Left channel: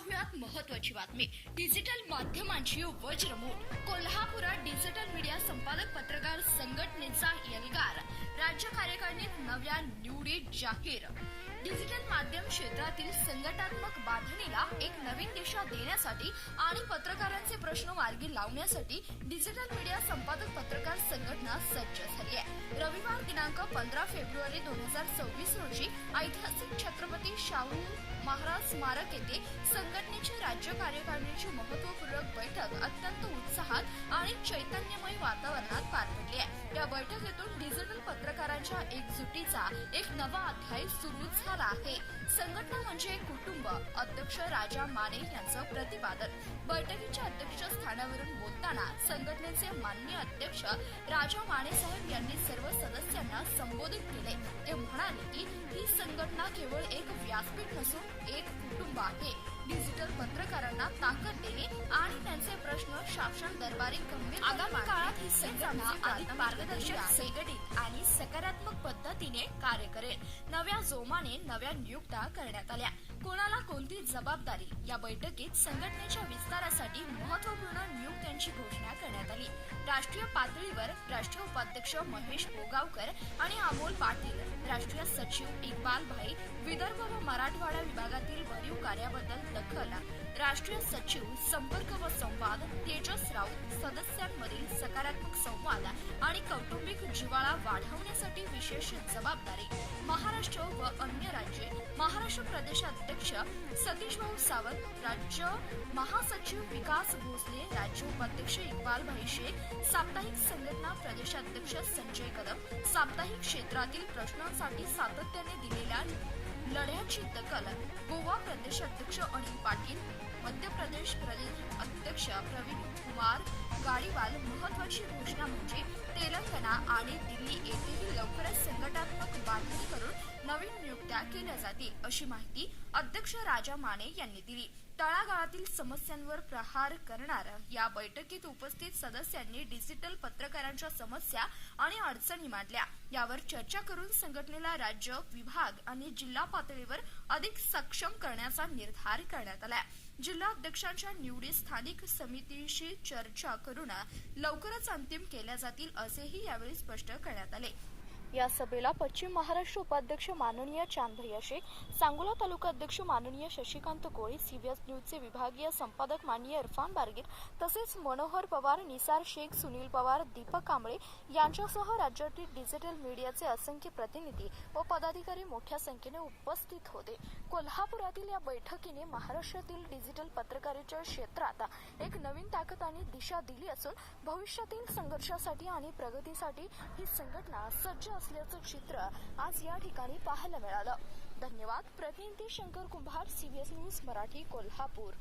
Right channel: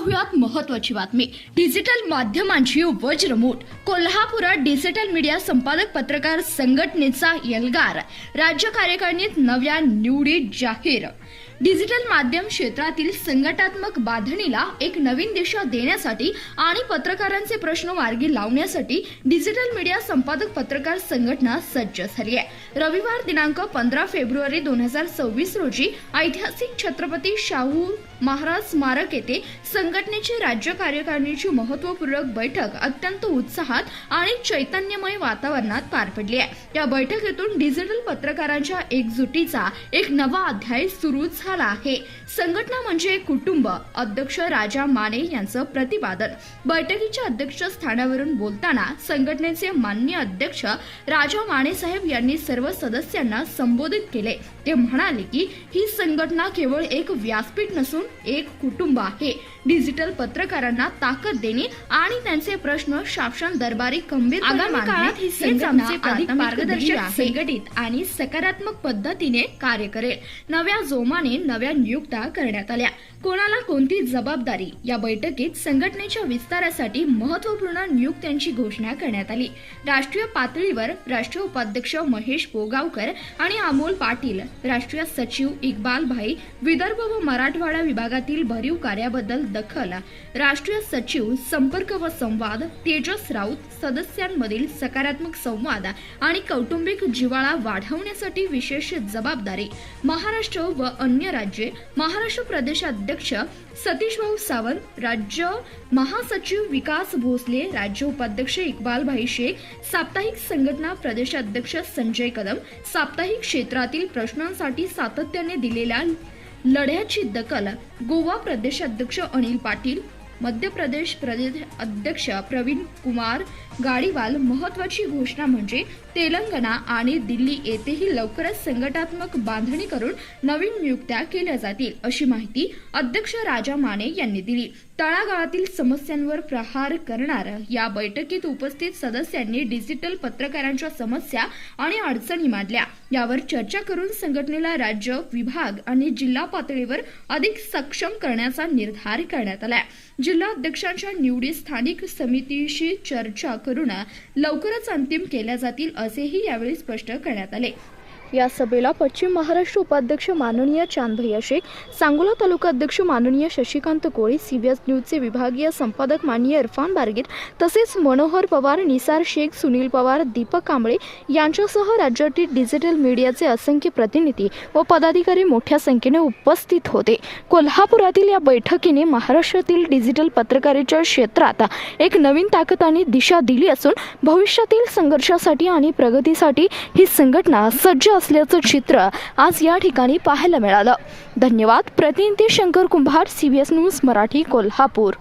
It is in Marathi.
पाहुयात महत्त्वाची बातमी। डिजिटल माध्यमांची वज्रमूठ। कोल्हापुरात डिजिटल मीडिया संपादक पत्रकार संघटनेचा एल्गार। राज्य कार्यकारिणीत नव्या निवडी जाहीर। डिजिटल माध्यम क्षेत्रातील संघटनात्मक बांधणीला एक नवीन दिशा देण्यासाठी आणि पत्रकारांचे प्रश्न मार्गी लावण्यासाठी डिजिटल मीडिया संपादक पत्रकार संघटना सज्ज झाली आहे। रविवार दिनांक 15 फेब्रुवारी 2026 रोजी ऐतिहासिक छत्रपती शाहू महाराज स्मारक येथे संघटनेची राज्य कार्यकारिणीची महत्त्वपूर्ण बैठक अत्यंत उत्साहात आणि चैतन्यमय वातावरणात पार पडली आहे। या बैठकीतून डिजिटल पत्रकारांच्या एकजुटीचा एक नवा अध्याय सुरू झाला आहे। संघटना म्हणजे कुटुंब, अध्यक्ष राजा माने यांचं प्रतिपादन। बैठकीच्या अध्यक्षस्थानावरून बोलताना संघटनेचे माननीय अध्यक्ष राजा माने साहेब यांनी सर्व सदस्यांना संबोधित केले। ते म्हणाले की ही संघटना केवळ एक व्यासपीठ नसून एक कुटुंब आहे। डिजिटल पत्रकारांना ताकद देणे आणि त्यांचे प्रश्न शासन दरबारी गंभीरपणे मांडणे ही संघटना मार्गदर्शक, संघटित आणि सकारात्मक पद्धतीने कार्य करेल। नव्या जोमाने नव्या नियुक्त्या करण्यात आल्या। कोणाला कोणती जबाबदारी? या बैठकीत संघटनेच्या विस्तारासाठी महत्त्वपूर्ण नियुक्त्यांची घोषणा करण्यात आली। राष्ट्रीय पातळीवर राष्ट्रीय उपाध्यक्ष महेश पोगावकर आणि अमोल पाटील, राष्ट्रीय सचिव इक्बाल भाई, विदर्भ व मराठवाडा विभागातील भरीव कार्याबद्दल दखल, राष्ट्रीय सचिव संपर्क व संवाद तेजस राऊत, सदस्यांमधील सकारात्मक संवाद आणि कौटुंबिक जिव्हाळा वाढवण्यासाठी विशेष जबाबदारी, महाराष्ट्र व अन्य राज्ये, महाराष्ट्र प्रदेशाध्यक्ष सतीश भाऊ सावंत, राज्य महासचिव विकास भोसले, राज्य उपाध्यक्ष इक्बाल भाई शेख, साप्ताहिक संघटना प्रदेशाध्यक्ष संजय कदम, साप्ताहिक क्षेत्रातील प्रश्नांसाठी सातत्याने दिलेल्या लढ्याची दखल, गोवा प्रदेशाध्यक्ष अनिल पाटील, मध्य प्रदेश प्रदेश अध्यक्ष प्रवीण कुमार गाडीवाल। महत्त्वाची घोषणा म्हणजे तेलंगणा आणि दिल्ली येथेही लवकरच संघटनात्मक बांधणी करून नवीन नियुक्त्या केल्या जातील, अशी माहिती अध्यक्ष राजा माने यांनी दिली। तळागाळातील समस्यांवर प्रहार करणार या बैठकीत उपस्थित सदस्यांनी डिजिटल पत्रकारांच्या समस्या आणि अडचणी मांडल्या। यावर चर्चा करून संघटनेला राज्य, विभाग आणि जिल्हा पातळीवर अधिक सक्षम करण्याचा निर्धार करण्यात आला। जिल्हा अध्यक्षांच्या निवडी स्थानिक समितीशी चर्चा करून लवकरच अंतिम केल्या जातील, असेही यावेळी स्पष्ट करण्यात आले। या सभेला पश्चिम महाराष्ट्र उपाध्यक्ष माननीय चांदभैया शेख, सांगोला तालुका अध्यक्ष माननीय शशिकांत कोळी, सीबीएस न्यूजचे विभागीय संपादक माननीय इरफान बारगीर, तसेच मनोहर पवार, निसार शेख, सुनील पवार, दीपक कांबळे यांच्यासह राज्यातील डिजिटल मीडियाचे असंख्य प्रतिनिधी व पदाधिकारी मोठ्या संख्येने उपस्थित होते। कोल्हापुरातील या बैठकीने महाराष्ट्रातील डिजिटल पत्रकारितेच्या क्षेत्रात एक नवीन ताकद आणि दिशा दिली असून भविष्यातील संघर्षासाठी आणि प्रगतीसाठी ही संघटना सज्ज असल्याचं चित्र आज या ठिकाणी पाहायला मिळालं। धन्यवाद। प्रतिनिधी शंकर कुंभार, सीबीएस न्यूज मराठी, कोल्हापूर।